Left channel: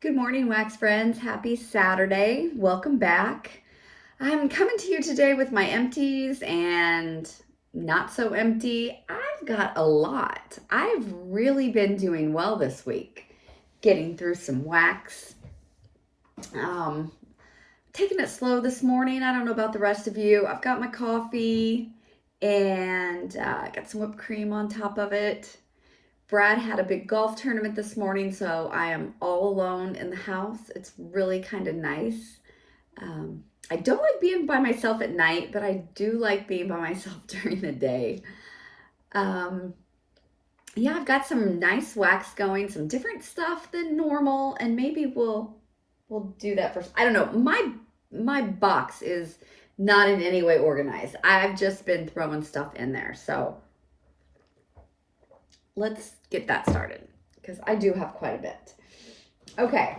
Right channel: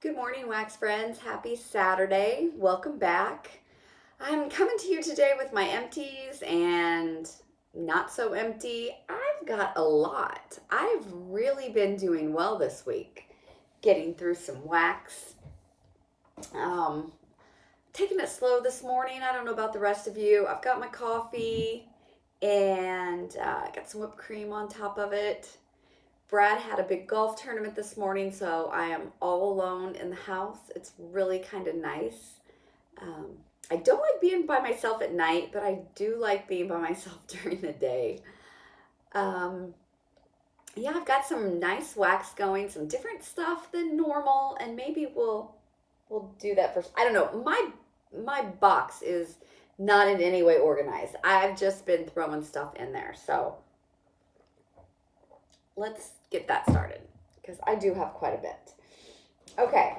Good morning, wax friends. Happy Saturday. Welcome back. I'm coming to you today with my empties and not so empty. I've got a lot. I've really been doing well this week, getting through some wax. Um, Taking it slow this morning. I don't know about the rest of you. I've got my coffee and I got some whipped cream on top of it. Brad had a big golf tournament this morning, so I am all alone in the house. It's really kind of nice. I don't like being by myself at night, but I do like being by myself during the day. Um, yeah, I've got some nice wax going, some different stuff than normal, and maybe we'll do that first. I don't know. My box is not in any way organized. I've just been throwing stuff in there, so let's get that started because I do have quite a bit. Okay,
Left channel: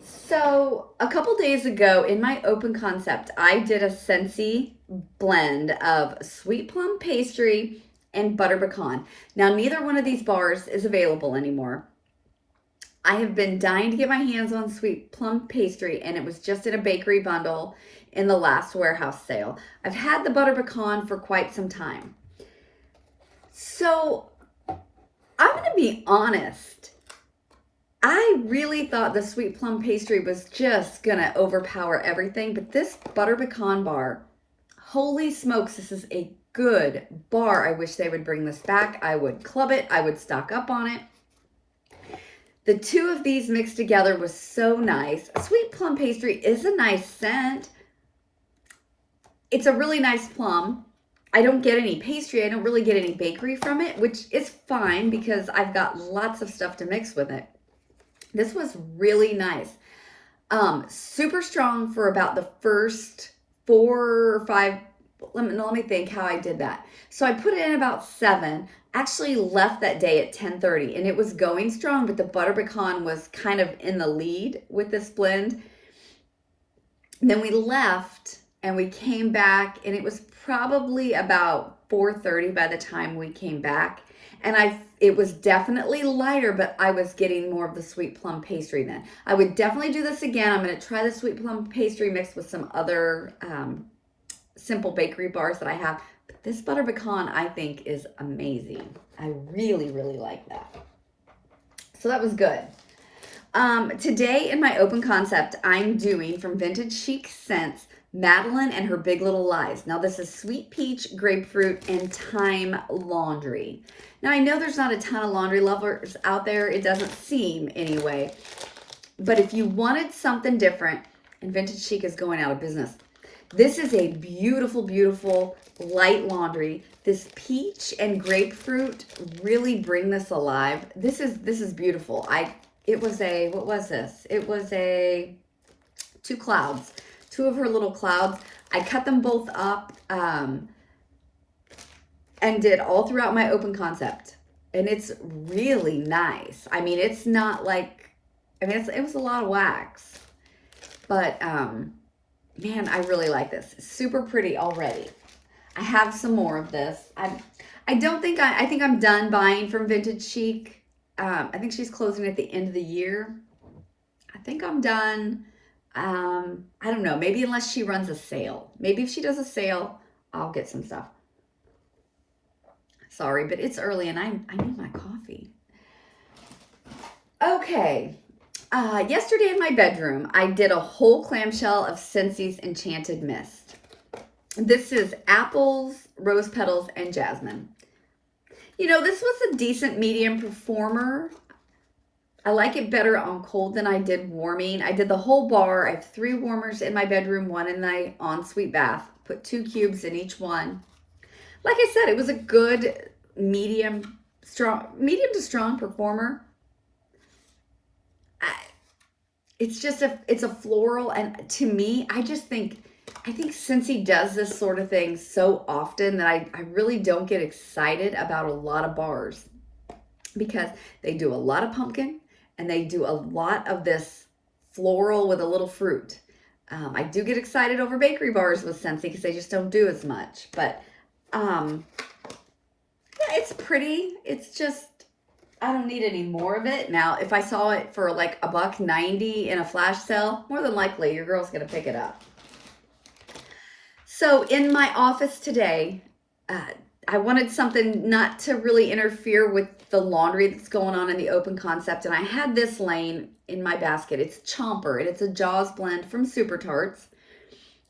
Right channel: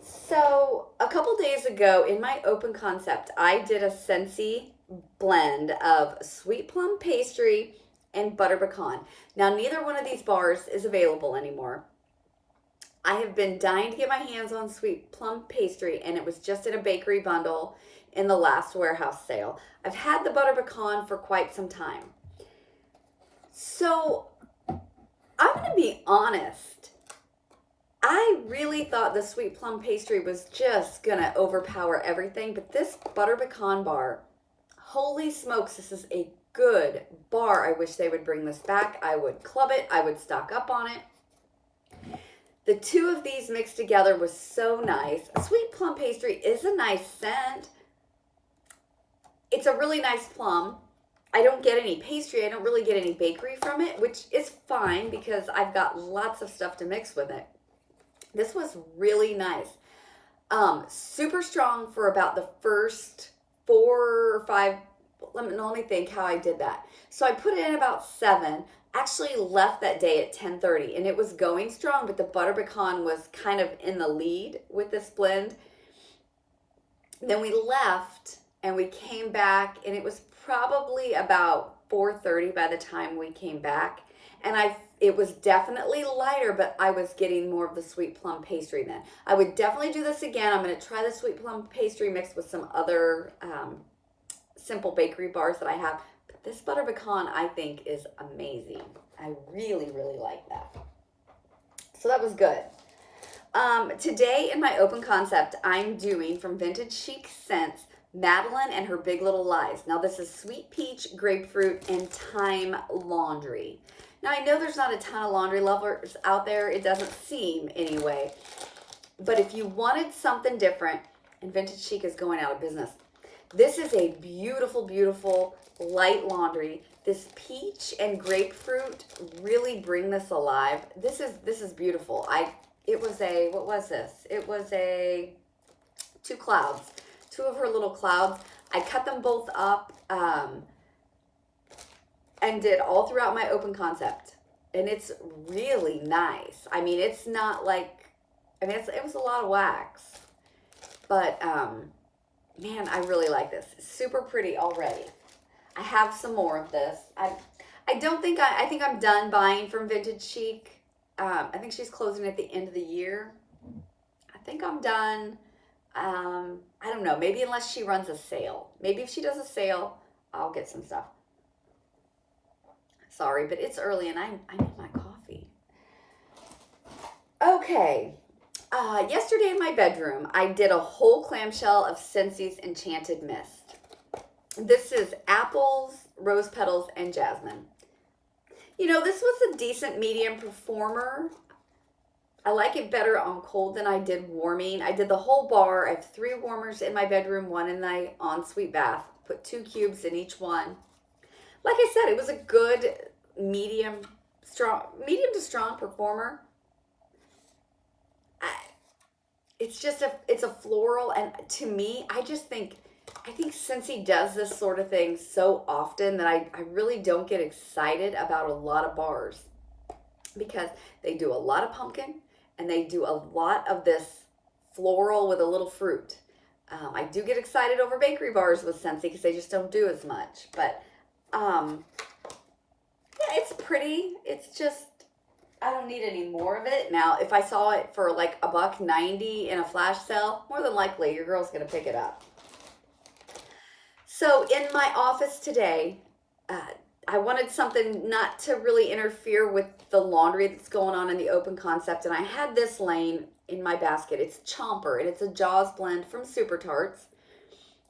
so a couple days ago in my open concept, I did a Scentsy blend of sweet plum pastry and butter pecan. Now, neither one of these bars is available anymore. I have been dying to get my hands on sweet plum pastry, and it was just in a bakery bundle in the last warehouse sale. I've had the butter pecan for quite some time. So I'm going to be honest. I really thought the sweet plum pastry was just going to overpower everything, but this butter pecan bar, holy smokes, this is a good bar. I wish they would bring this back. I would club it. I would stock up on it. The two of these mixed together was so nice. A sweet plum pastry is a nice scent. It's a really nice plum. I don't get any pastry. I don't really get any bakery from it, which is fine because I've got lots of stuff to mix with it. This was really nice. Super strong for about the first 4 or 5. Let me think how I did that. So I put it in about 7. Actually left that day at 10:30, and it was going strong, but the butter pecan was kind of in the lead with this blend. And then we left and we came back, and it was probably about 4:30 by the time we came back. And it was definitely lighter, but I was getting more of the sweet plum pastry then. I would definitely do this again. I'm going to try the sweet plum pastry mixed with some other simple bakery bars that I have. But this butter pecan, I think, is amazing. I really, really like that. So that was good. Today in my open concept, I'm doing from Vintage Chic Scents, Madeline and Her Big Little Lies. Now this is sweet peach, grapefruit, and thyme laundry. Now I know there's not a ton of laundry lovers out there. It doesn't seem anyway. But if you wanted something different, and Vintage Chic is going out of business, this is a beautiful, beautiful light laundry. This peach and grapefruit really bring this alive. This is beautiful. It was a, what was this? It was a 2 clouds. 2 of her little clouds. I cut them both up and did all throughout my open concept. And it's really nice. I mean, it's not like, I mean, it was a lot of wax. But, man, I really like this. It's super pretty already. I have some more of this. I don't think, I think I'm done buying from Vintage Chic. I think she's closing at the end of the year. I think I'm done. I don't know. Maybe unless she runs a sale. Maybe if she does a sale, I'll get some stuff. Sorry, but it's early and I need my coffee. Okay. Yesterday in my bedroom, I did a whole clamshell of Scentsy's Enchanted Mist. This is apples, rose petals, and jasmine. You know, this was a decent medium performer. I like it better on cold than I did warming. I did the whole bar. I have 3 warmers in my bedroom, 1 in my ensuite bath. Put 2 cubes in each one. Like I said, it was a good medium to strong performer. It's a floral, and to me, I think Scentsy does this sort of thing so often that I really don't get excited about a lot of bars because they do a lot of pumpkin and they do a lot of this floral with a little fruit. I do get excited over bakery bars with Scentsy because they just don't do as much, but yeah, it's pretty. It's just, I don't need any more of it. Now, if I saw it for like $1.90 in a flash sale, more than likely your girl's gonna pick it up. So in my office today, I wanted something not to really interfere with the laundry that's going on in the open concept, and I had this laying in my basket. It's Chomper, and it's a Jaws blend from Super Tarts.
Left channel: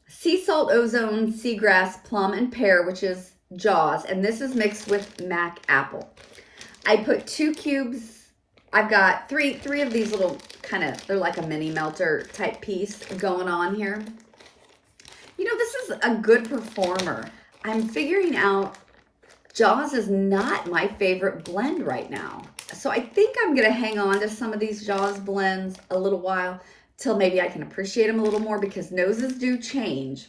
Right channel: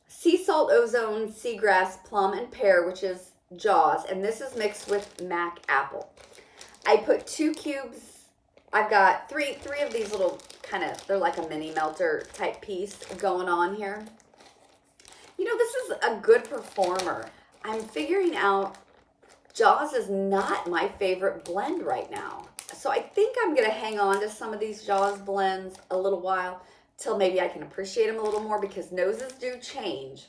Sea salt, ozone, seagrass, plum, and pear, which is Jaws, and this is mixed with Mac apple. I put 2 cubes. I've got three of these little kind of, they're like a mini melter type piece going on here. You know, this is a good performer. I'm figuring out Jaws is not my favorite blend right now. So I think I'm going to hang on to some of these Jaws blends a little while till maybe I can appreciate them a little more, because noses do change.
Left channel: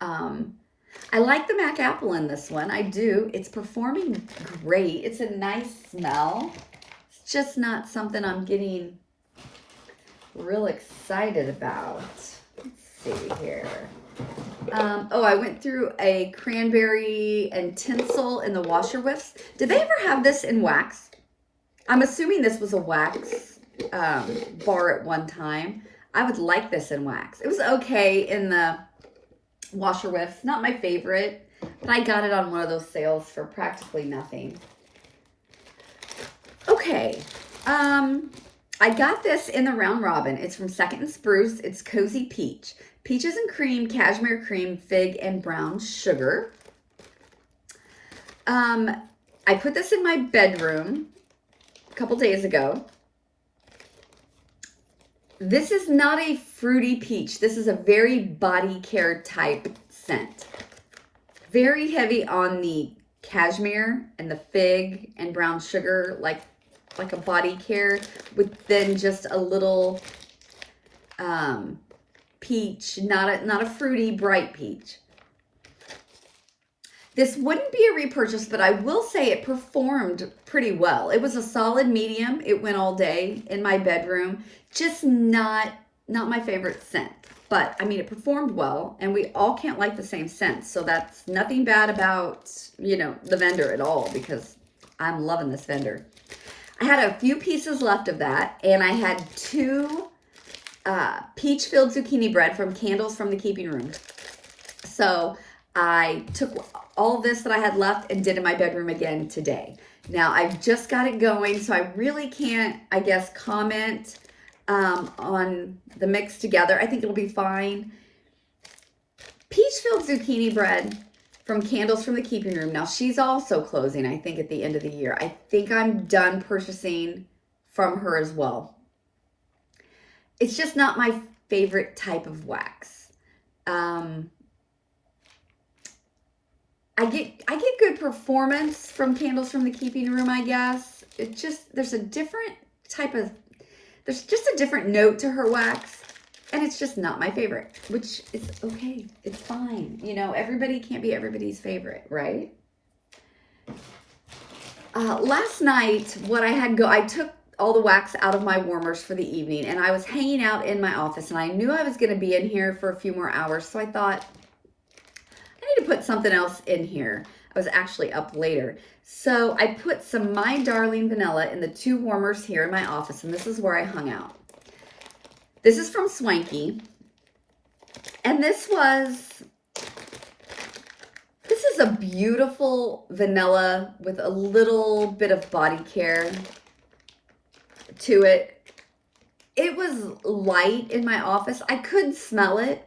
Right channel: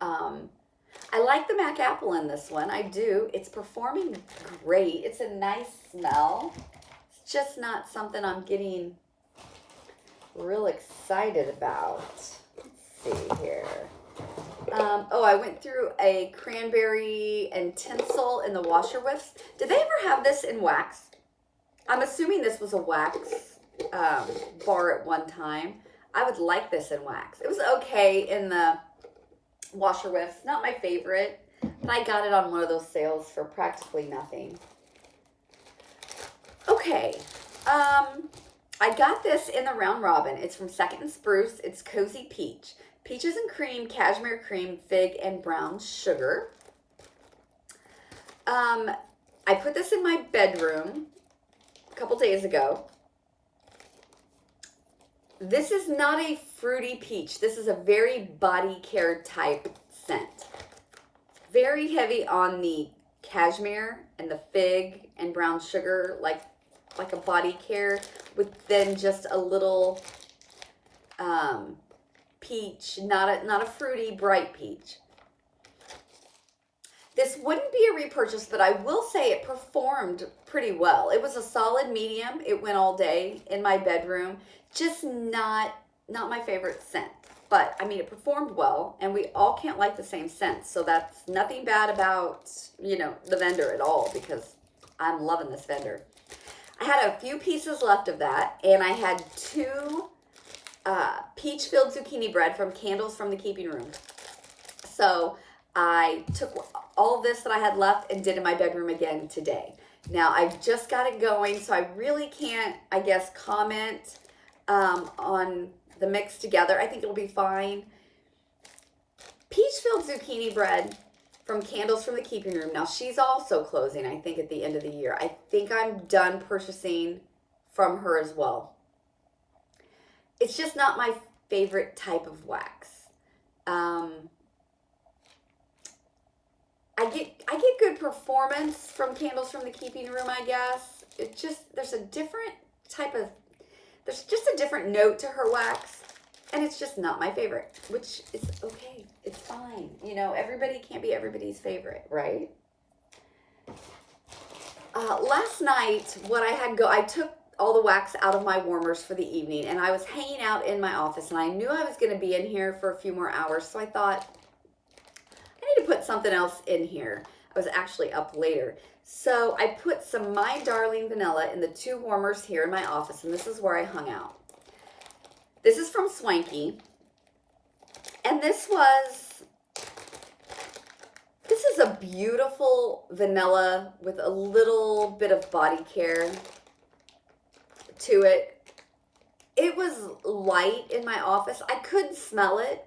I like the Mac apple in this one. I do. It's performing great. It's a nice smell. It's just not something I'm getting real excited about. Let's see here. Oh, I went through a cranberry and tinsel in the washer whiffs. Did they ever have this in wax? I'm assuming this was a wax bar at one time. I would like this in wax. It was okay in the washer whiffs. Not my favorite, but I got it on one of those sales for practically nothing. Okay. I got this in the Round Robin. It's from Second and Spruce. It's Cozy Peach. Peaches and cream, cashmere cream, fig, and brown sugar. I put this in my bedroom a couple days ago. This is not a fruity peach. This is a very body care type scent. Very heavy on the cashmere and the fig and brown sugar, like a body care, with then just a little peach, not a fruity bright peach. This wouldn't be a repurchase, but I will say it performed pretty well. It was a solid medium. It went all day in my bedroom. Just not my favorite scent. But, I mean, it performed well, and we all can't like the same scent. So that's nothing bad about, you know, the vendor at all, because I'm loving this vendor. I had a few pieces left of that, and I had 2 peach-filled zucchini bread from Candles from the Keeping Room. So I took all of this that I had left and did in my bedroom again today. Now, I've just got it going, so I really can't, I guess, comment on the mix together. I think it'll be fine. Peach-filled zucchini bread from Candles from the Keeping Room. Now, she's also closing, I think, at the end of the year. I think I'm done purchasing from her as well. It's just not my favorite type of wax. I get good performance from Candles from the Keeping Room, I guess. It just, there's just a different note to her wax, and it's just not my favorite, which is okay. It's fine. You know, everybody can't be everybody's favorite, right? Last night, I took all the wax out of my warmers for the evening, and I was hanging out in my office, and I knew I was going to be in here for a few more hours, so I thought, I need to put something else in here. I was actually up later. So I put some My Darling Vanilla in the 2 warmers here in my office, and this is where I hung out. This is from Swanky, and this is a beautiful vanilla with a little bit of body care to it. It was light in my office. I could smell it.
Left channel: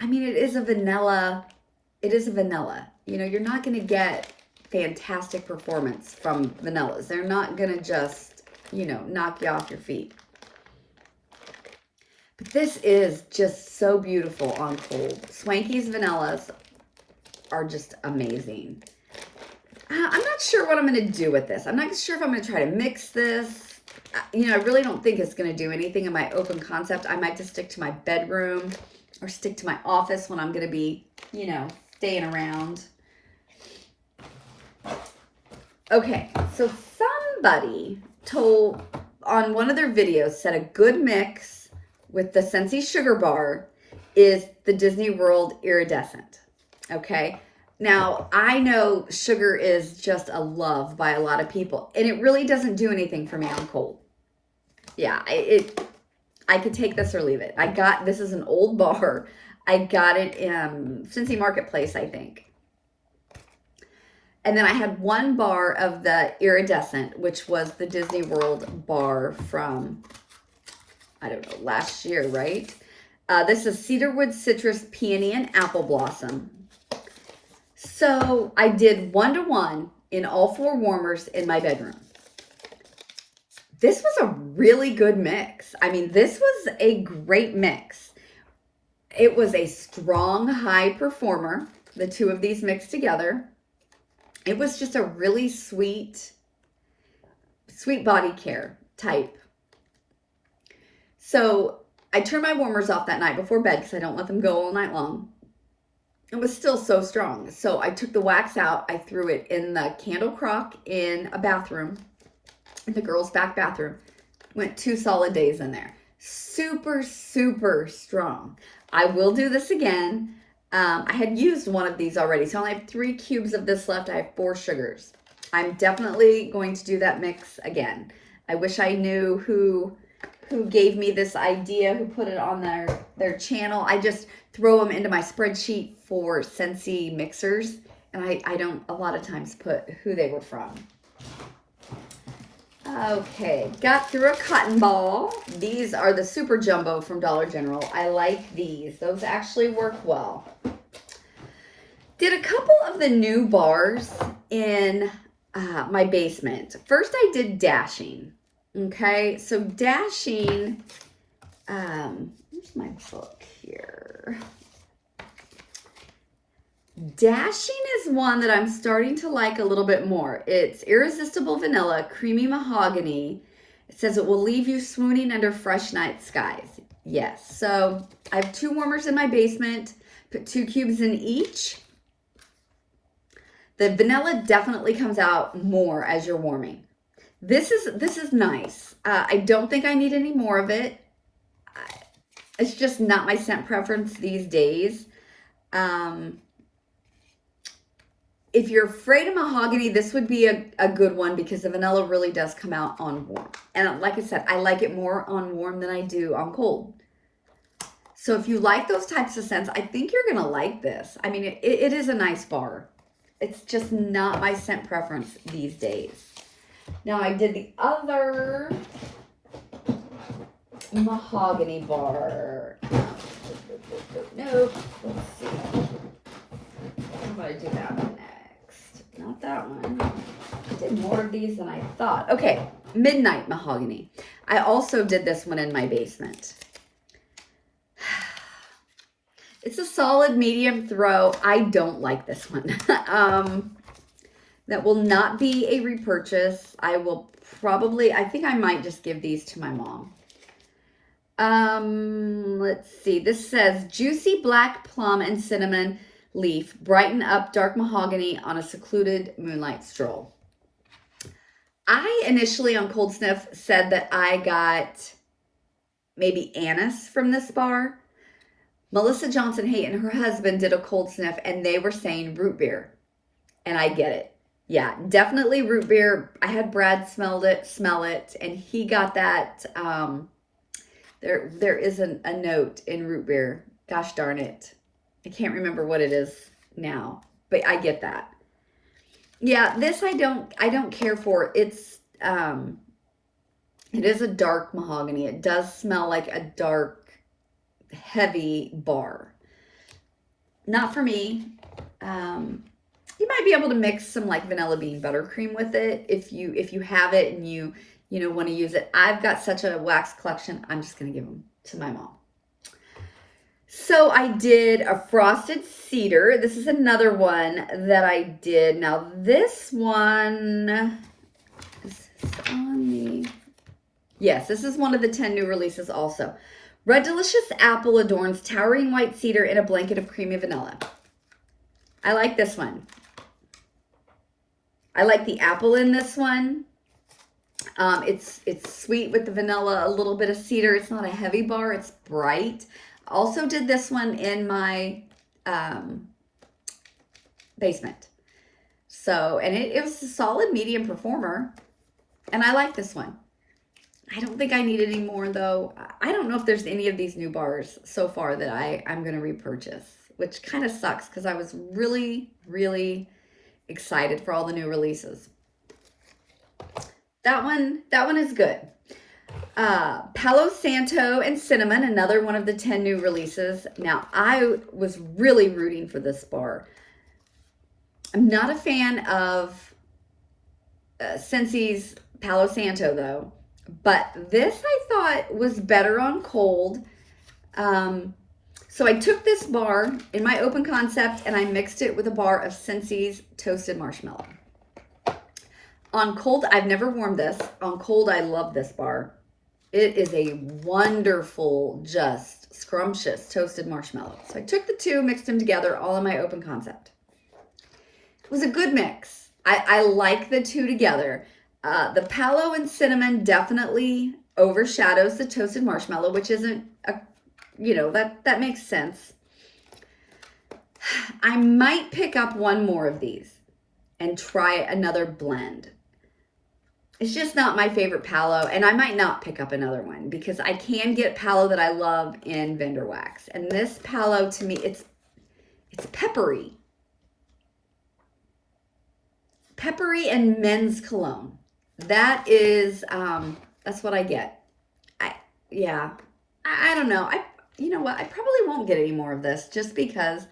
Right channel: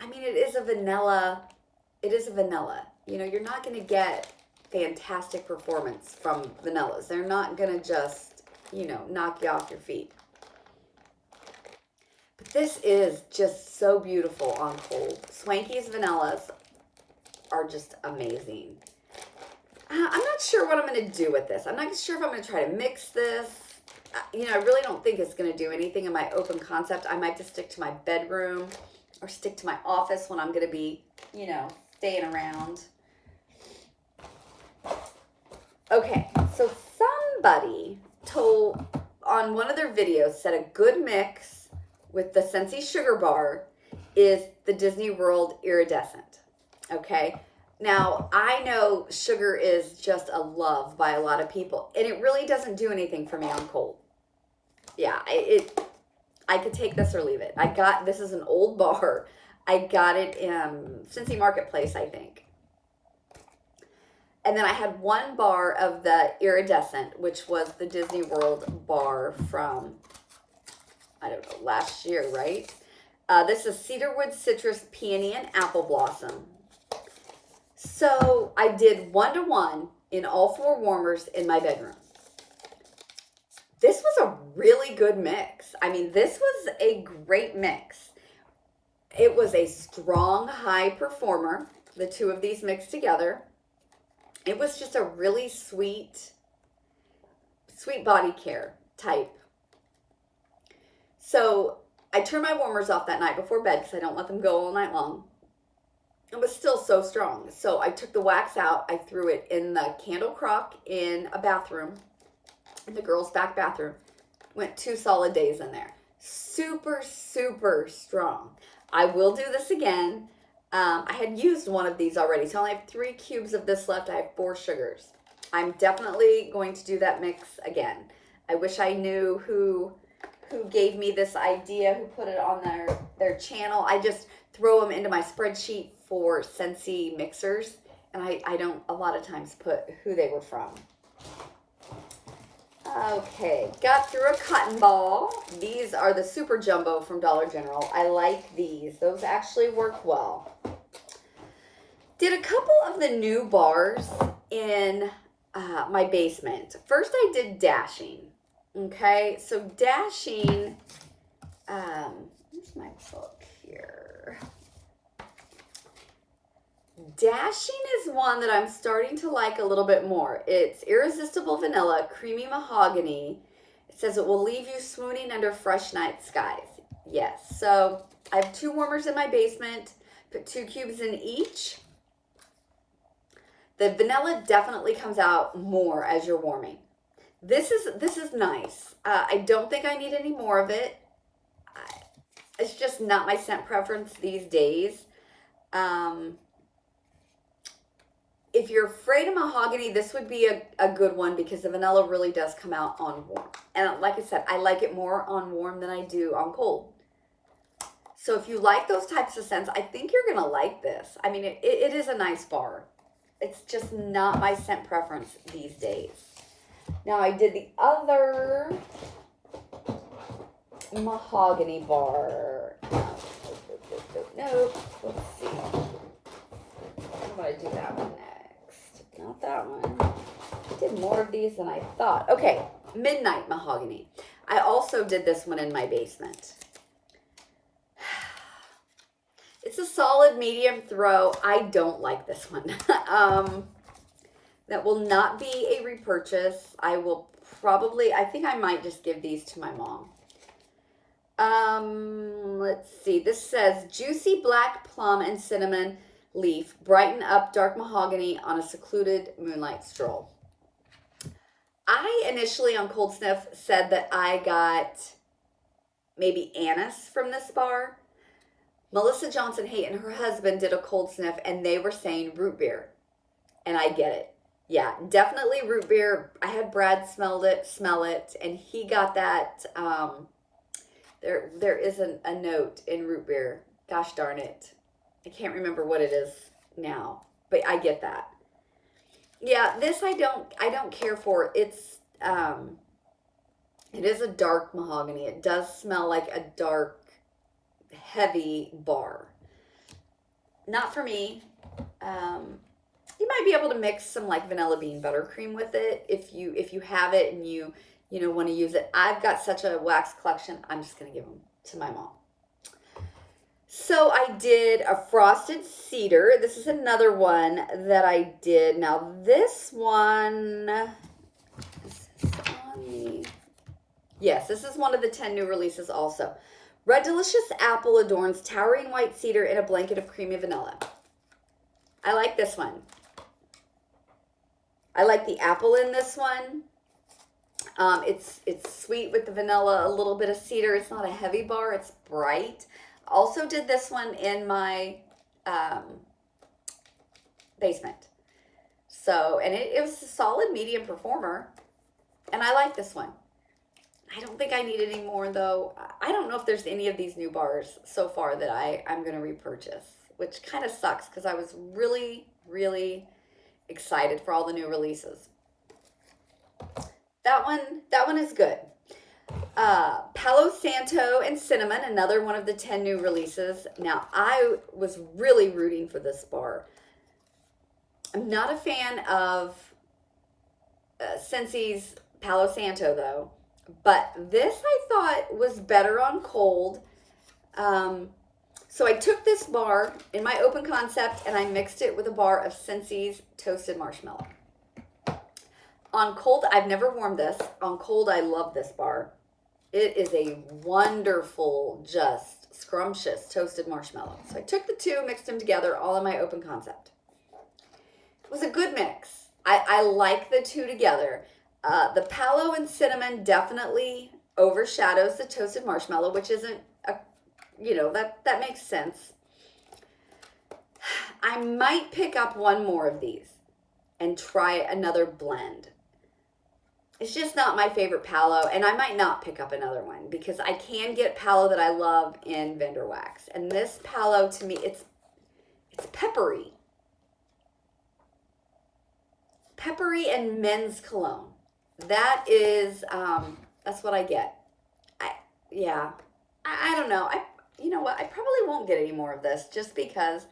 I mean, it is a vanilla. You know, you're not going to get fantastic performance from vanillas. They're not going to just, you know, knock you off your feet. But this is just so beautiful on cold. Swanky's vanillas are just amazing. I'm not sure what I'm going to do with this. I'm not sure if I'm going to try to mix this. You know, I really don't think it's going to do anything in my open concept. I might just stick to my bedroom or stick to my office when I'm going to be, you know, staying around. Okay, so somebody told on one of their videos said a good mix with the Scentsy Sugar Bar is the Disney World Iridescent. Okay, Now, I know sugar is just a love by a lot of people, and it really doesn't do anything for me on cold. Yeah, I could take this or leave it. This is an old bar. I got it in Cincy Marketplace, I think. And then I had one bar of the iridescent, which was the Disney World bar from, I don't know, last year, right? This is Cedarwood Citrus Peony and Apple Blossom. So I did 1-to-1 in all 4 warmers in my bedroom. This was a really good mix. I mean, this was a great mix. It was a strong high performer, the two of these mixed together. It was just a really sweet body care type. So I turned my warmers off that night before bed because I don't let them go all night long. It was still so strong. So I took the wax out. I threw it in the candle crock in a bathroom, in the girls' back bathroom. Went 2 solid days in there. Super, super strong. I will do this again. I had used one of these already, so I only have 3 cubes of this left. I have 4 sugars. I'm definitely going to do that mix again. I wish I knew who gave me this idea, who put it on their channel. I just throw them into my spreadsheet for Scentsy mixers, and I don't a lot of times put who they were from. Okay, got through a cotton ball. These are the Super Jumbo from Dollar General. I like these. Those actually work well. Did a couple of the new bars in my basement. First, I did Dashing. Okay, so Dashing, where's my book here? Dashing is one that I'm starting to like a little bit more. It's Irresistible Vanilla, Creamy Mahogany. It says it will leave you swooning under fresh night skies. Yes, so I have 2 warmers in my basement, put 2 cubes in each. The vanilla definitely comes out more as you're warming. This is nice. I don't think I need any more of it. It's just not my scent preference these days. If you're afraid of mahogany, this would be a good one because the vanilla really does come out on warm. And like I said, I like it more on warm than I do on cold. So if you like those types of scents, I think you're going to like this. I mean, it is a nice bar. It's just not my scent preference these days. Now I did the other mahogany bar. Nope. Let's see. I'm going to do that one next. Not that one. I did more of these than I thought. Okay, Midnight Mahogany. I also did this one in my basement. It's a solid medium throw. I don't like this one. That will not be a repurchase. I will probably, I think I might just give these to my mom. Let's see. This says Juicy Black Plum and Cinnamon Leaf. Brighten up dark mahogany on a secluded moonlight stroll. I initially on Cold Sniff said that I got maybe anise from this bar. Melissa Johnson Haight and her husband did a cold sniff and they were saying root beer. And I get it. Yeah, definitely root beer. I had Brad smell it, and he got that. There is a note in root beer. Gosh darn it. I can't remember what it is now, but I get that. Yeah, this I don't care for. It is a dark mahogany. It does smell like a dark, heavy bar. Not for me. You might be able to mix some like vanilla bean buttercream with it if you have it and you want to use it. I've got such a wax collection. I'm just going to give them to my mom. So I did a Frosted Cedar. This is another one that I did. Now this one is on the... Yes, this is one of the 10 new releases also. Red Delicious Apple adorns towering white cedar in a blanket of creamy vanilla. I like this one. I like the apple in this one. It's sweet with the vanilla, a little bit of cedar. It's not a heavy bar. It's bright. Also did this one in my basement. So, and it was a solid medium performer. And I like this one. I don't think I need any more though. I don't know if there's any of these new bars so far that I'm going to repurchase, which kind of sucks because I was really, really excited for all the new releases. That one is good. Palo Santo and Cinnamon, another one of the 10 new releases. Now, I was really rooting for this bar. I'm not a fan of Scentsy's Palo Santo, though. But this I thought was better on cold. So I took this bar in my open concept and I mixed it with a bar of Scentsy's Toasted Marshmallow. On cold, I've never warmed this. On cold, I love this bar. It is a wonderful, just scrumptious toasted marshmallow. So I took the two, mixed them together, all in my open concept. It was a good mix. I like the two together. The Palo and Cinnamon definitely overshadows the toasted marshmallow, which isn't, that makes sense. I might pick up one more of these and try another blend. It's just not my favorite Palo, and I might not pick up another one because I can get Palo that I love in Vendor Wax. And this Palo, to me, it's peppery. Peppery and men's cologne. That is, that's what I get. I don't know. You know what? I probably won't get any more of this just because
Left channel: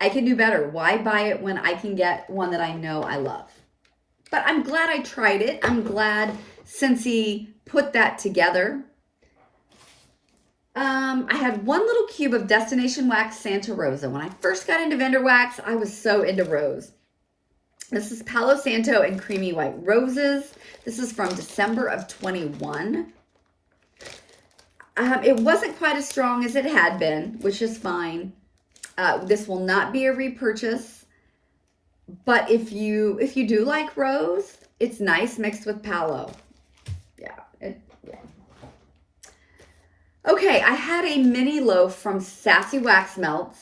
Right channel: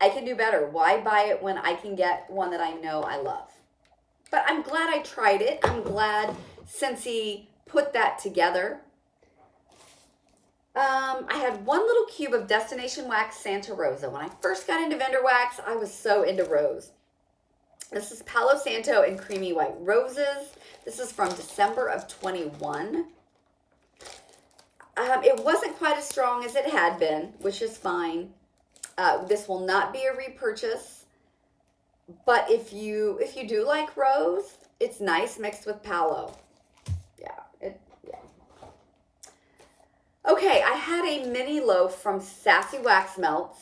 I can do better. Why buy it when I can get one that I know I love? But I'm glad I tried it. I'm glad Scentsy put that together. I had one little cube of Destination Wax Santa Rosa. When I first got into Vendor Wax, I was so into rose. This is Palo Santo and Creamy White Roses. This is from December of 21. It wasn't quite as strong as it had been, which is fine. This will not be a repurchase. But if you do like rose, it's nice mixed with Palo. Yeah. Okay, I had a mini loaf from Sassy Wax Melts.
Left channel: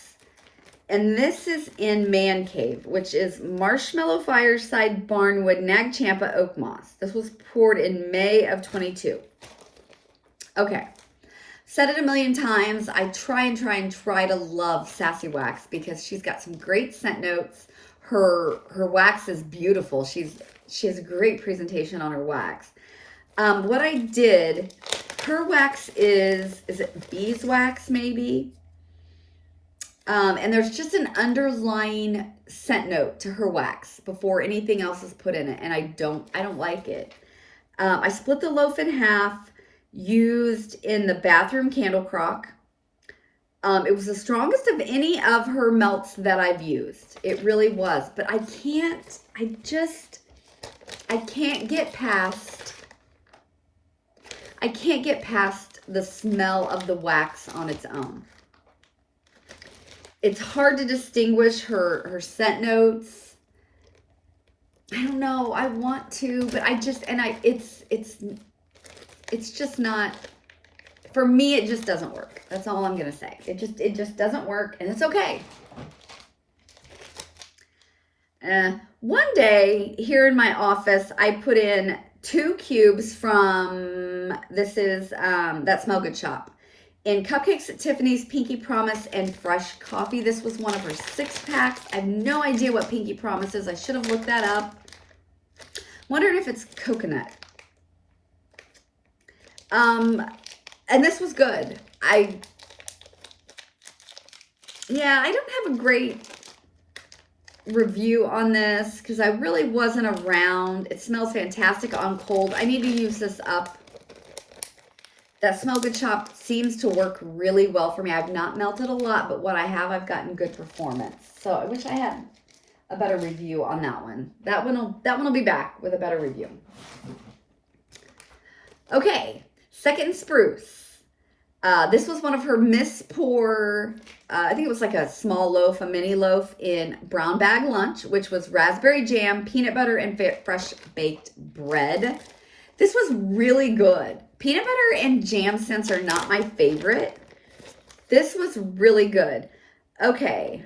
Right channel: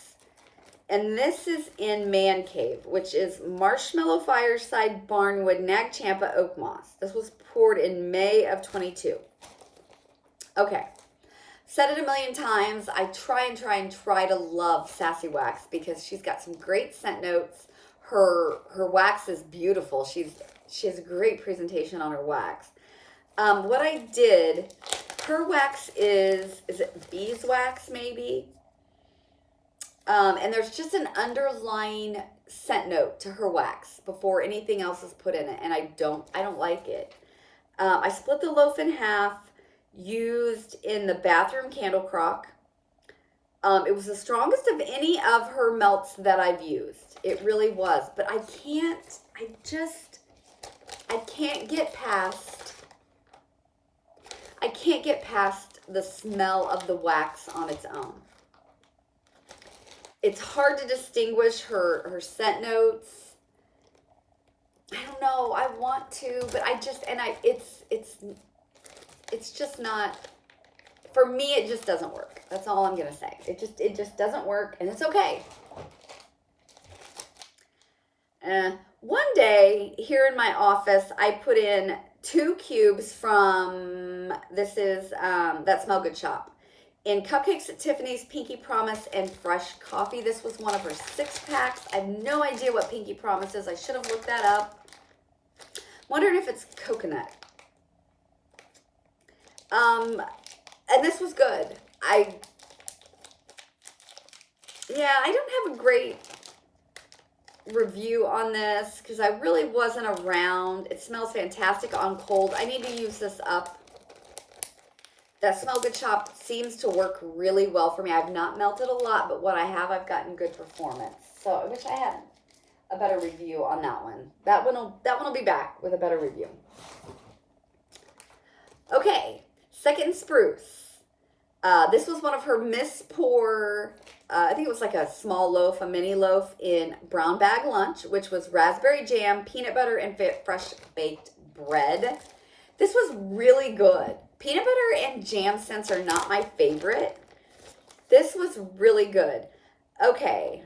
And this is in Man Cave, which is Marshmallow Fireside Barnwood Nag Champa Oak Moss. This was poured in May of 22. Okay. Said it a million times. I try to love Sassy Wax because she's got some great scent notes. Her wax is beautiful. She has a great presentation on her wax. What I did, her wax is it beeswax maybe? And there's just an underlying scent note to her wax before anything else is put in it, and I don't like it. I split the loaf in half, used in the bathroom candle crock. It was the strongest of any of her melts that I've used. It really was. But I can't get past the smell of the wax on its own. It's hard to distinguish her scent notes. I don't know. I want to, but it's just not. For me, it just doesn't work. That's all I'm going to say. It just doesn't work, and it's okay. One day, here in my office, I put in 2 cubes from, this is That Smell Good shop, in Cupcakes at Tiffany's, Pinky Promise, and Fresh Coffee. This was one of her 6-packs. I have no idea what Pinky Promise is. I should have looked that up. Wondering if it's coconut. And this was good. I don't have a great review on this because I really wasn't around. It smells fantastic on cold. I need to use this up. That Smell Good shop seems to work really well for me. I've not melted a lot, but what I have, I've gotten good performance. So I wish I had a better review on that one. That one will be back with a better review. Okay, Second Spruce. This was one of her Miss Pour, I think it was like a small loaf, a mini loaf in Brown Bag Lunch, which was raspberry jam, peanut butter, and fresh baked bread. This was really good. Peanut butter and jam scents are not my favorite. This was really good. Okay.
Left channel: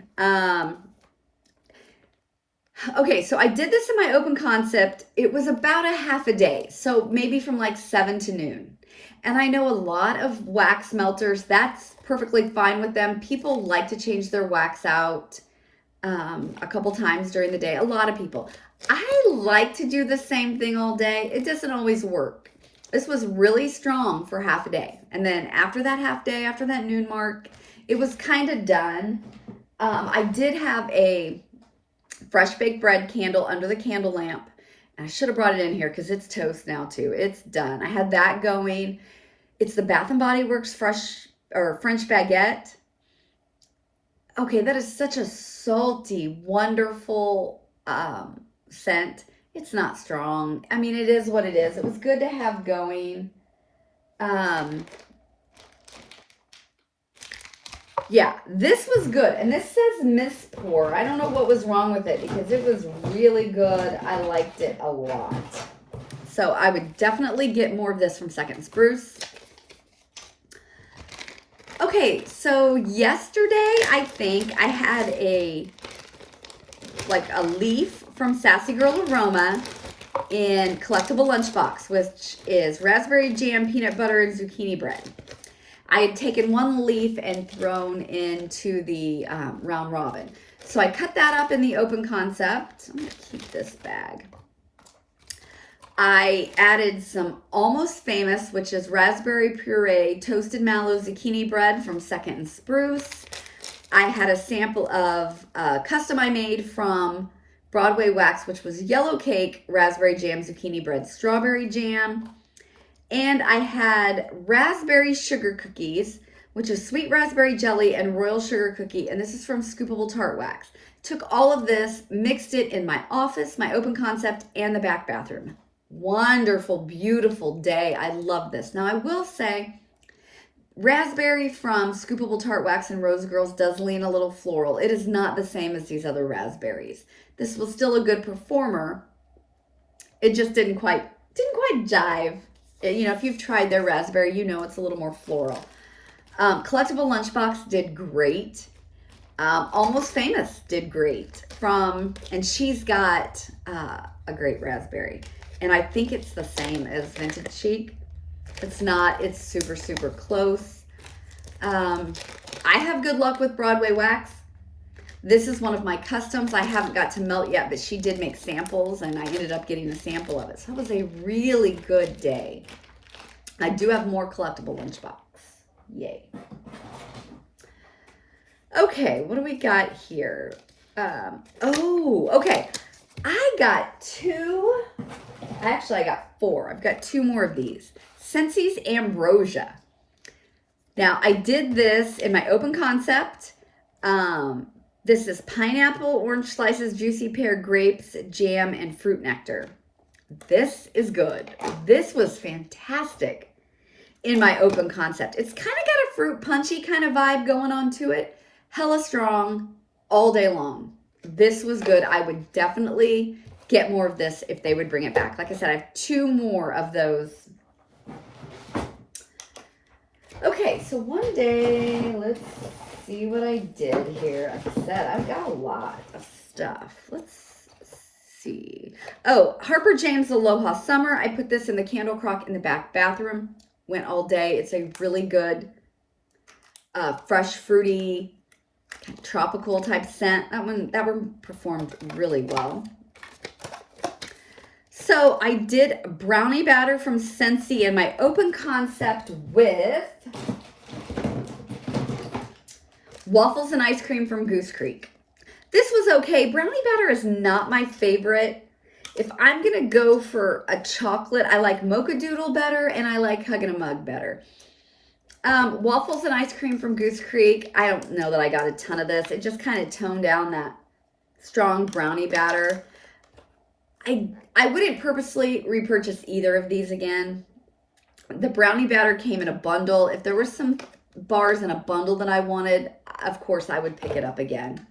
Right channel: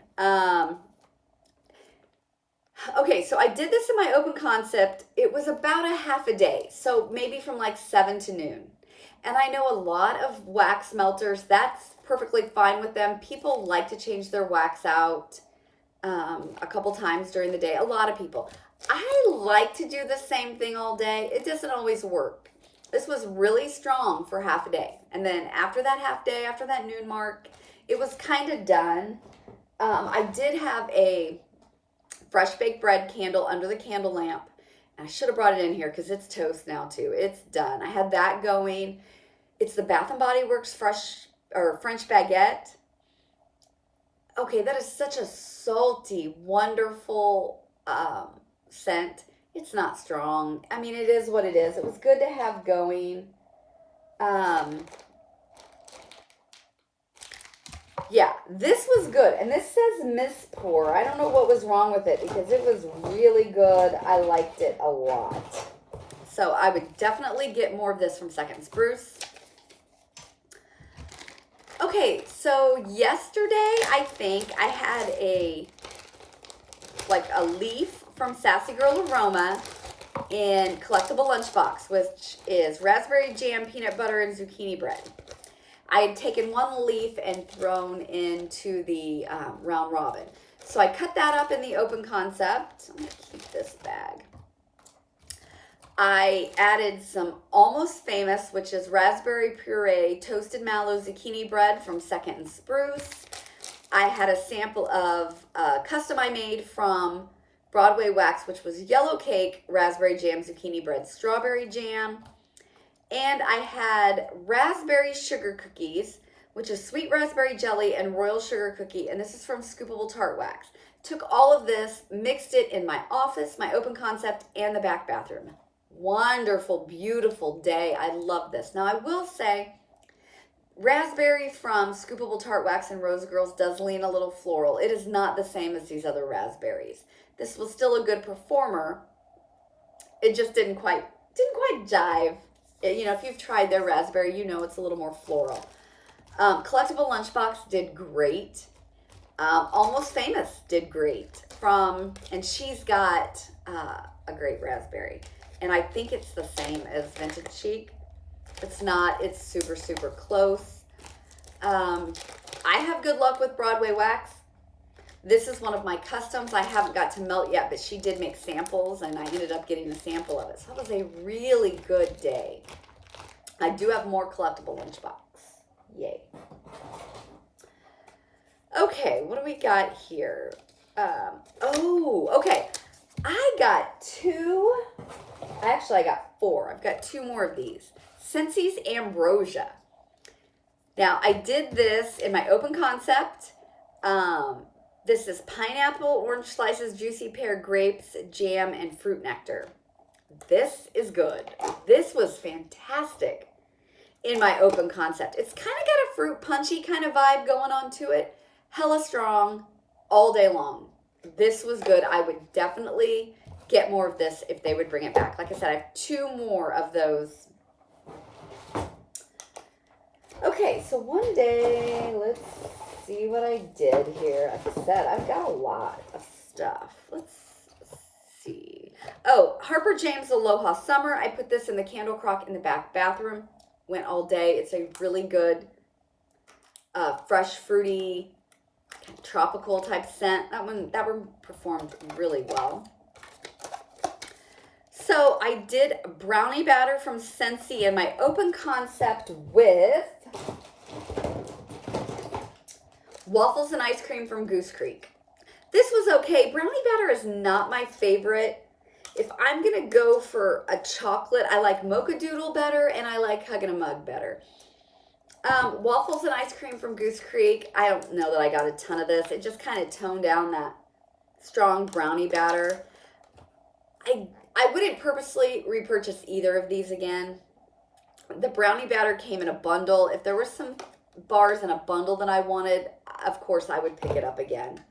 Okay, so I did this in my open concept. It was about a half a day, so maybe from like 7 to noon. And I know a lot of wax melters, that's perfectly fine with them. People like to change their wax out a couple times during the day. A lot of people. I like to do the same thing all day. It doesn't always work. This was really strong for half a day. And then after that half day, after that noon mark, it was kind of done. I did have a fresh baked bread candle under the candle lamp. I should have brought it in here because it's toast now too. It's done. I had that going. It's the Bath & Body Works Fresh or French Baguette. Okay, that is such a salty, wonderful scent. It's not strong. I mean, it is what it is. It was good to have going. Yeah, this was good. And this says Miss Pour. I don't know what was wrong with it because it was really good. I liked it a lot. So I would definitely get more of this from Second Spruce. Okay, so yesterday I think I had a leaf from Sassy Girl Aroma in collectible lunchbox, which is raspberry jam, peanut butter, and zucchini bread. I had taken one leaf and thrown into the round robin. So I cut that up in the open concept. I'm going to keep this bag. I added some Almost Famous, which is raspberry puree, toasted mallow zucchini bread from Second and Spruce. I had a sample of custom I made from Broadway Wax, which was yellow cake, raspberry jam, zucchini bread, strawberry jam. And I had raspberry sugar cookies, which is sweet raspberry jelly and royal sugar cookie. And this is from Scoopable Tart Wax. Took all of this, mixed it in my office, my open concept, and the back bathroom. Wonderful, beautiful day. I love this. Now I will say, raspberry from Scoopable Tart Wax and Rose Girls does lean a little floral. It is not the same as these other raspberries. This was still a good performer. It just didn't quite jive. You know, if you've tried their raspberry, you know it's a little more floral. Collectible Lunchbox did great. Almost Famous did great. And she's got a great raspberry. And I think it's the same as Vintage Chic. It's not, it's super, super close. I have good luck with Broadway Wax. This is one of my customs. I haven't got to melt yet, but she did make samples and I ended up getting a sample of it. So that was a really good day. I do have more collectible lunchbox. Yay. Okay, what do we got here? Okay. I got four. I've got two more of these. Scentsy's Ambrosia. Now, I did this in my open concept. This is pineapple, orange slices, juicy pear, grapes, jam, and fruit nectar. This is good. This was fantastic in my open concept. It's kind of got a fruit punchy kind of vibe going on to it. Hella strong all day long. This was good. I would definitely get more of this if they would bring it back. Like I said, I have two more of those. Okay, so one day, let's see what I did here. Like I said, I've got a lot of stuff. Let's see. Oh, Harper James Aloha Summer. I put this in the candle crock in the back bathroom. Went all day. It's a really good, fresh, fruity, tropical type scent. That one performed really well. So I did brownie batter from Scentsy in my open concept with waffles and ice cream from Goose Creek. This was okay. Brownie batter is not my favorite. If I'm going to go for a chocolate, I like Mocha Doodle better and I like Huggin' a Mug better. Waffles and ice cream from Goose Creek. I don't know that I got a ton of this. It just kind of toned down that strong brownie batter. I wouldn't purposely repurchase either of these again. The brownie batter came in a bundle. If there were some bars in a bundle that I wanted, of course I would pick it up again.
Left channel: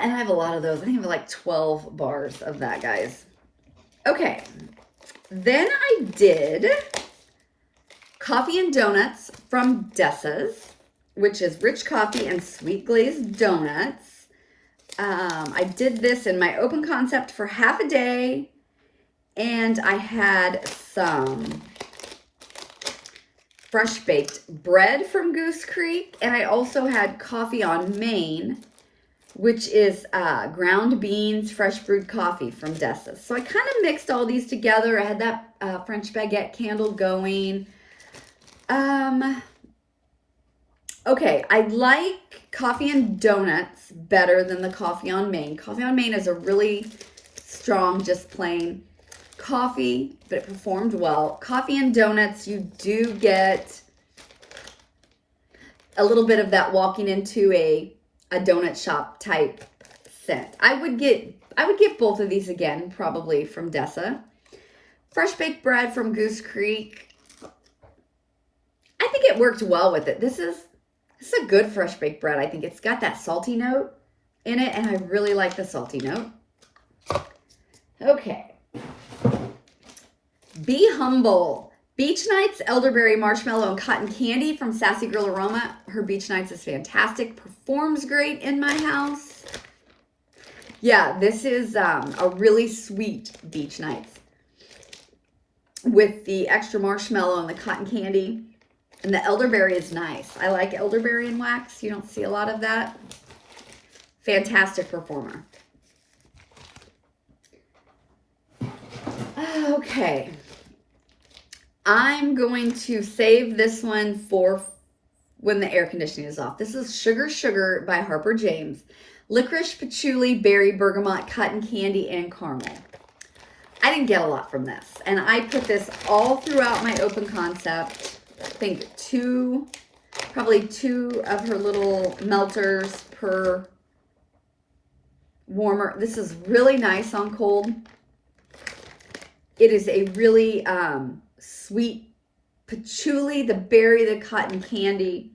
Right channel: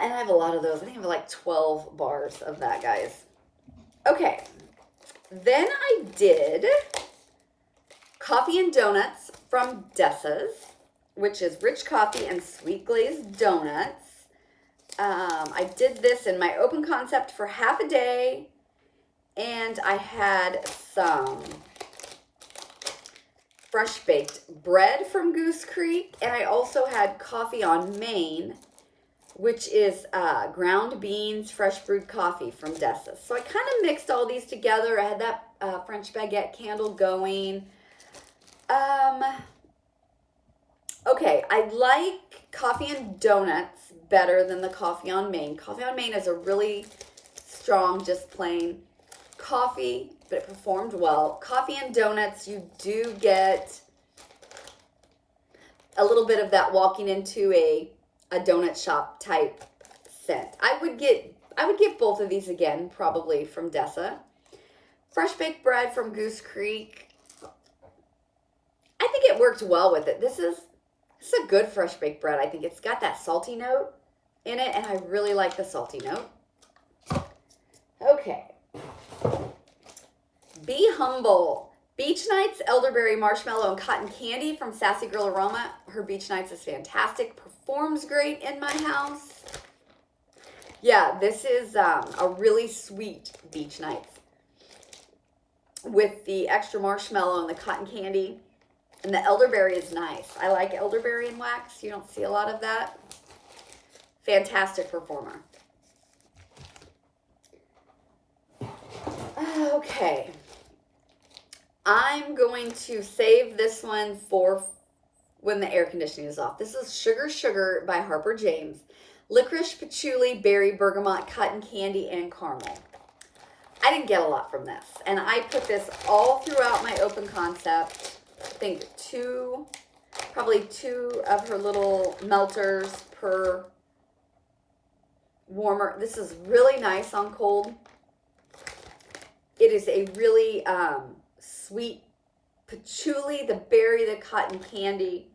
And I have a lot of those. I think I have like 12 bars of that, guys. Okay. Then I did coffee and donuts from Dessa's, which is rich coffee and sweet glazed donuts. I did this in my open concept for half a day, and I had some fresh baked bread from Goose Creek, and I also had coffee on Main, which is ground beans, fresh brewed coffee from Dessa's. So I kind of mixed all these together. I had that French baguette candle going. Okay, I like coffee and donuts better than the coffee on Main. Coffee on Main is a really strong, just plain coffee, but it performed well. Coffee and donuts, you do get a little bit of that walking into a donut shop type scent. I would get both of these again, probably from Dessa. Fresh baked bread from Goose Creek. I think it worked well with it. This is a good fresh baked bread. I think it's got that salty note in it, and I really like the salty note. Okay. Be Humble. Beach Nights, Elderberry, Marshmallow, and Cotton Candy from Sassy Girl Aroma. Her Beach Nights is fantastic. Performs great in my house. Yeah, this is a really sweet Beach Nights with the extra marshmallow and the cotton candy. And the elderberry is nice. I like elderberry and wax. You don't see a lot of that. Fantastic performer. Okay. I'm going to save this one for when the air conditioning is off. This is Sugar Sugar by Harper James. Licorice, patchouli, berry, bergamot, cotton candy, and caramel. I didn't get a lot from this. And I put this all throughout my open concept. I think probably two of her little melters per warmer. This is really nice on cold. It is a really sweet patchouli, the berry, the cotton candy.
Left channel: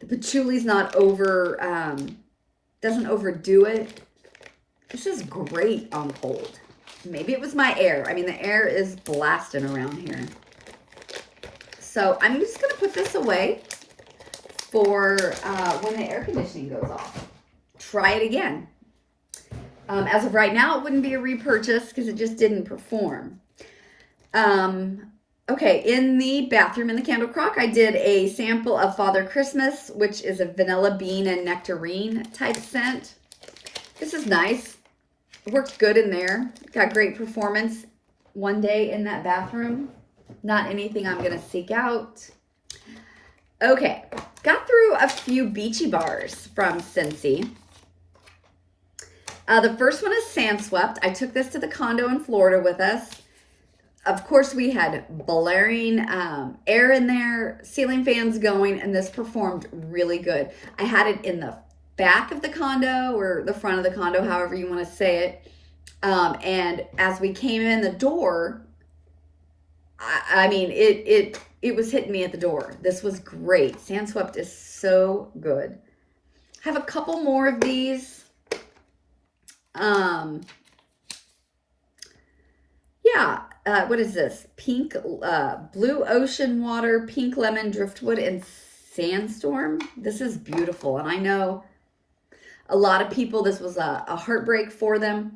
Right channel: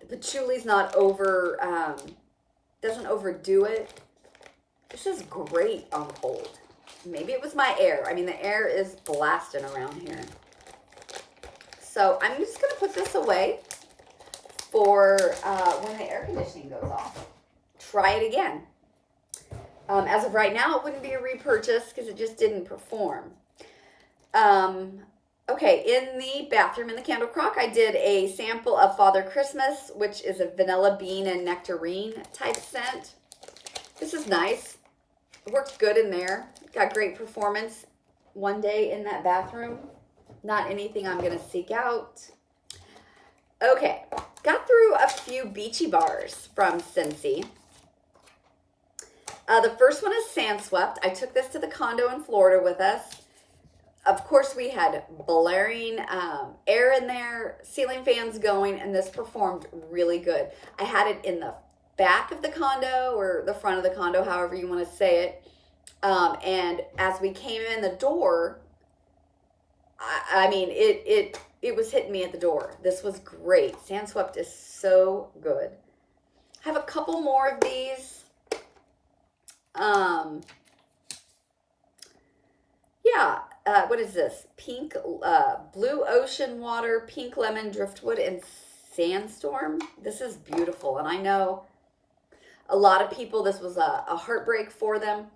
The patchouli's not doesn't overdo it. This is great on cold. Maybe it was my air. I mean, the air is blasting around here. So I'm just going to put this away for when the air conditioning goes off. Try it again. As of right now, it wouldn't be a repurchase because it just didn't perform. Okay, in the bathroom in the candle crock, I did a sample of Father Christmas, which is a vanilla bean and nectarine type scent. This is nice. It worked good in there. Got great performance one day in that bathroom. Not anything I'm going to seek out. Okay, got through a few beachy bars from Scentsy. The first one is Sand Swept. I took this to the condo in Florida with us. Of course, we had blaring air in there, ceiling fans going, and this performed really good. I had it in the back of the condo or the front of the condo, however you want to say it. And as we came in the door, I mean, it was hitting me at the door. This was great. Sand Swept is so good. I have a couple more of these. Yeah. What is this? Pink, blue ocean water, pink lemon, driftwood, and sandstorm. This is beautiful. And I know a lot of people, this was a heartbreak for them.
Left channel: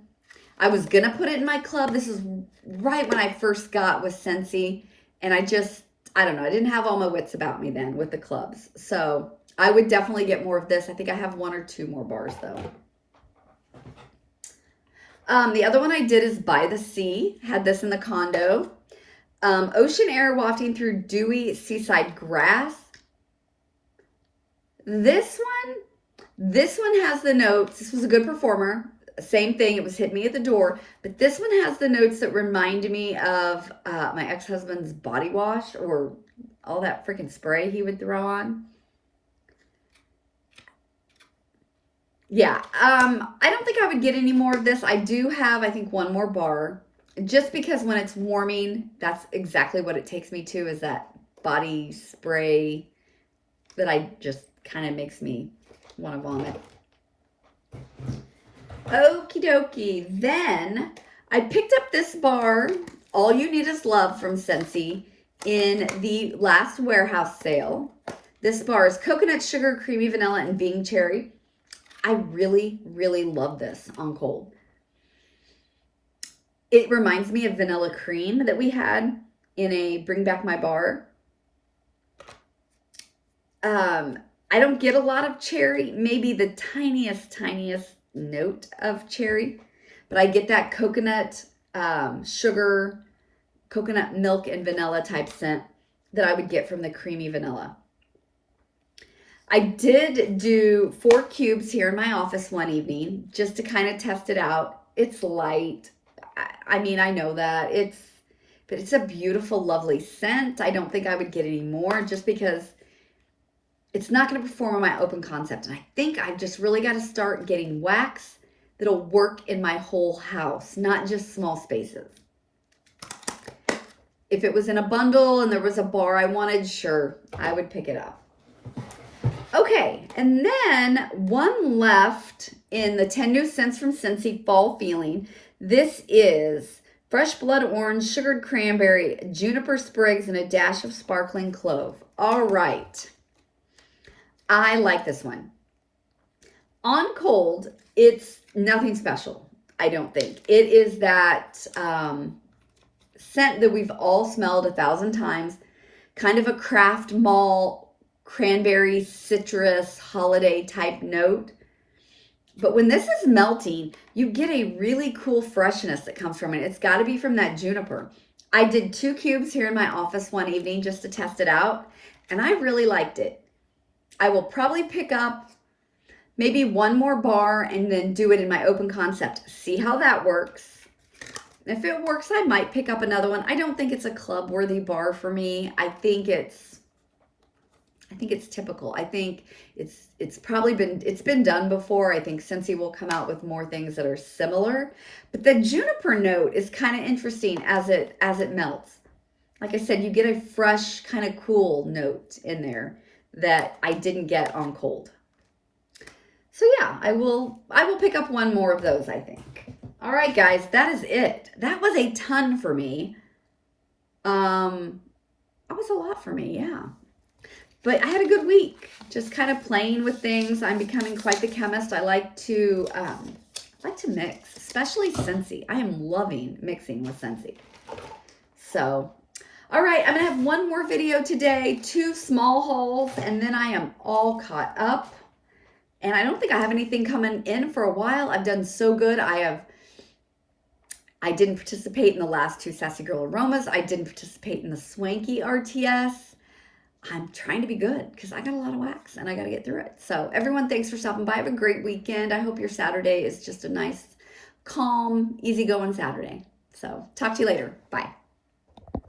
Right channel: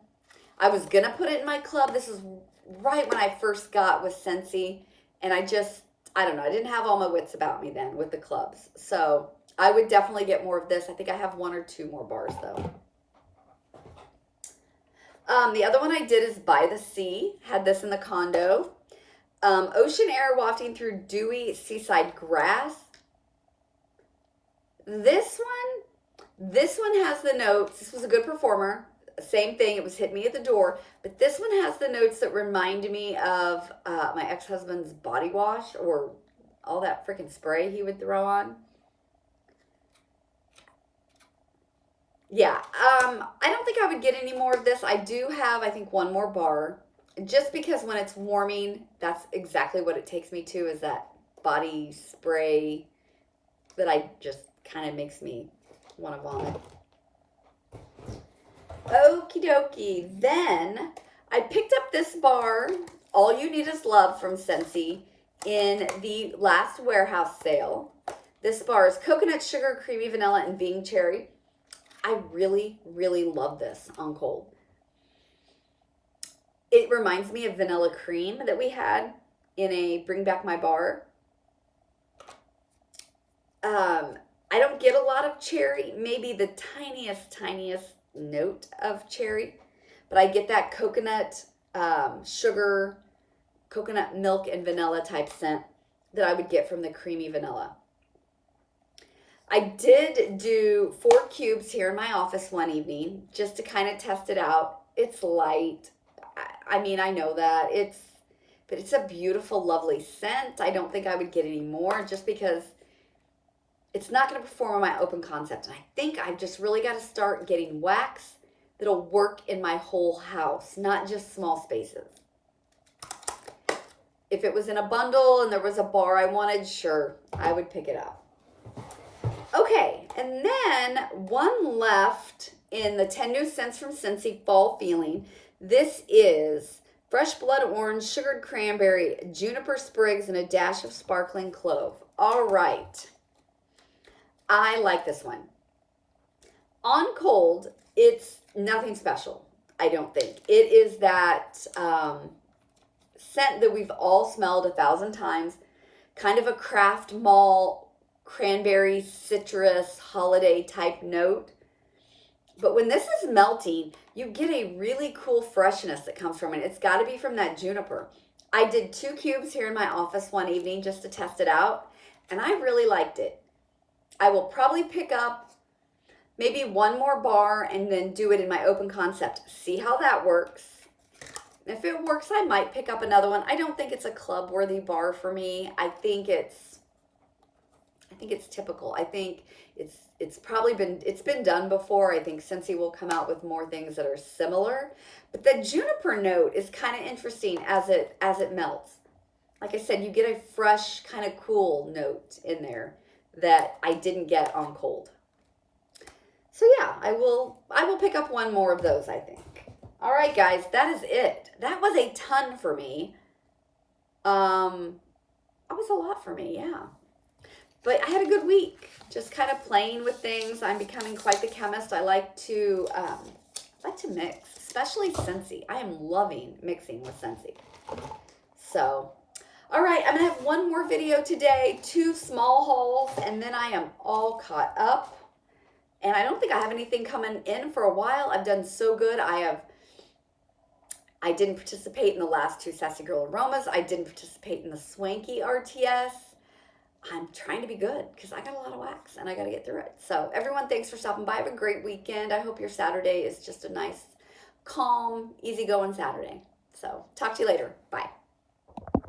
I was going to put it in my club. This is right when I first got with Scentsy. And I don't know. I didn't have all my wits about me then with the clubs. So I would definitely get more of this. I think I have 1 or 2 more bars though. The other one I did is By the Sea. Had this in the condo. Ocean air wafting through dewy seaside grass. This one has the notes. This was a good performer. Same thing. It was hit me at the door. But this one has the notes that remind me of my ex-husband's body wash or all that freaking spray he would throw on. Yeah, I don't think I would get any more of this. I do have, I think, 1 more bar. Just because when it's warming, that's exactly what it takes me to, is that body spray that I just kind of makes me want to vomit. Okie dokie. Then I picked up this bar, All You Need Is Love from Scentsy, in the last warehouse sale. This bar is coconut, sugar, creamy vanilla, and Bing cherry. I really, really love this on cold. It reminds me of vanilla cream that we had in a Bring Back My Bar. I don't get a lot of cherry, maybe the tiniest note of cherry, but I get that coconut, sugar, coconut milk and vanilla type scent that I would get from the creamy vanilla. I did do 4 cubes here in my office one evening just to kind of test it out. It's light. I mean, I know that but it's a beautiful, lovely scent. I don't think I would get any more just because it's not going to perform on my open concept. And I think I've just really got to start getting wax that'll work in my whole house, not just small spaces. If it was in a bundle and there was a bar I wanted, sure, I would pick it up. Okay, and then one left in the 10 New Scents from Scentsy Fall Feeling. This is fresh blood orange, sugared cranberry, juniper sprigs, and a dash of sparkling clove. All right. I like this one. On cold, it's nothing special, I don't think. It is that scent that we've all smelled 1,000 times, kind of a craft mall, cranberry, citrus, holiday type note. But when this is melting, you get a really cool freshness that comes from it. It's got to be from that juniper. I did 2 cubes here in my office one evening just to test it out, and I really liked it. I will probably pick up maybe 1 more bar and then do it in my open concept. See how that works. If it works, I might pick up another one. I don't think it's a club-worthy bar for me. I think it's typical. I think it's been done before. I think Scentsy will come out with more things that are similar. But the juniper note is kind of interesting as it melts. Like I said, you get a fresh, kind of cool note in there that I didn't get on cold. So yeah, I will pick up 1 more of those, I think. All right, guys, that is it. That was a ton for me. That was a lot for me, yeah. But I had a good week, just kind of playing with things. I'm becoming quite the chemist. I like to mix, especially Scentsy. I am loving mixing with Scentsy. So, all right, I'm gonna have 1 more video today, 2 small hauls, and then I am all caught up. And I don't think I have anything coming in for a while. I've done so good. I didn't participate in the last 2 Sassy Girl Aromas. I didn't participate in the Swanky RTS. I'm trying to be good because I got a lot of wax and I got to get through it. So everyone, thanks for stopping by. Have a great weekend. I hope your Saturday is just a nice, calm, easygoing Saturday. So talk to you later. Bye.